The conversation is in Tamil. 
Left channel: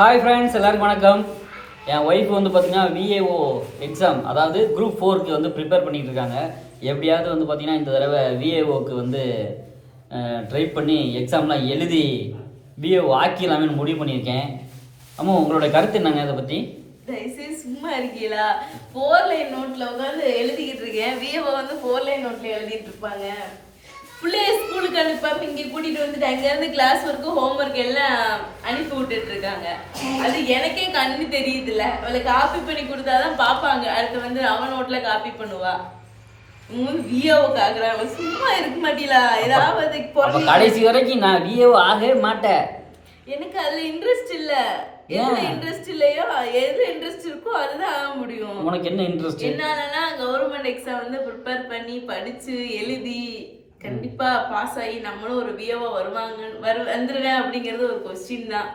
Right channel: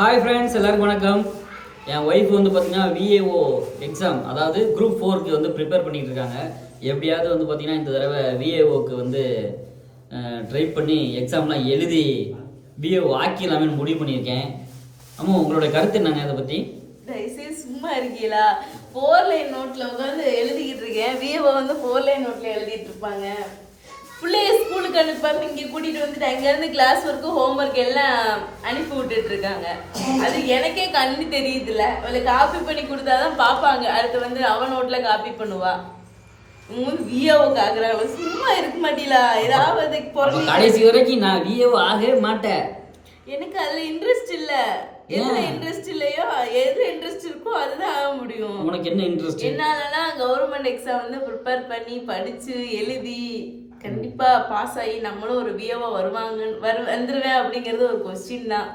ஹாய் ஃப்ரெண்ட்ஸ், எல்லாருக்கும் வணக்கம். என் ஒய்ஃப் வந்து பார்த்தீங்கன்னா விஏஓ எக்ஸாம், அதாவது குரூப் 4க்கு வந்து ப்ரிப்பேர் பண்ணிகிட்டு இருக்காங்க. எப்படியாவது வந்து பார்த்தீங்கன்னா இந்த தடவை விஏஓக்கு வந்து ட்ரை பண்ணி எக்ஸாம்லாம் எழுதி விஏஓ ஆக்கிடலாமே முடிவு பண்ணியிருக்கேன். ஆமாம், உங்களோட கருத்து என்னங்க இதை பற்றி? தயவுசெய்து சும்மா இருக்கீங்களா? 4 லைன் நோட்டில் உட்காந்து எழுதிக்கிட்டு இருக்கேன். விஏஓ வந்து 4 லைன் நோட்டில் எழுதிட்டு இருப்பாங்க. பிள்ளைய ஸ்கூலுக்கு அனுப்பாம இங்கே கூட்டிகிட்டு வந்துட்டு அங்கேருந்து கிளாஸ் ஒர்க்கு ஹோம் ஒர்க் எல்லாம் அனுப்பி விட்டுட்டு இருக்காங்க. அது எனக்கே கண்ணு தெரியுதுல்ல. அவளை காப்பி பண்ணி கொடுத்தாதான் பார்ப்பாங்க. அடுத்து வந்து அவன் நோட்டில் காப்பி பண்ணுவா. விஏஓக்கு ஆகுறாங்க. சும்மா இருக்க மாட்டீங்களா? ஏதாவது கடைசி வரைக்கும் நான் விஏஓ ஆகவே மாட்டேன். எனக்கு அதுல இன்ட்ரெஸ்ட் இல்ல. எதுல இன்ட்ரெஸ்ட் இல்லையோ, எது இன்ட்ரெஸ்ட் இருக்கோ அதுதான் ஆக முடியும். உனக்கு என்ன இன்ட்ரெஸ்ட்? என்னன்னா கவர்மெண்ட் எக்ஸாம் வந்து ப்ரிப்பேர் பண்ணி படிச்சு எழுதி கண்டிப்பா பாஸ் ஆகி நம்மளும் ஒரு விஏஓ வந்துருவேன் அப்படிங்கிறது ஒரு கொஸ்டின் தான்.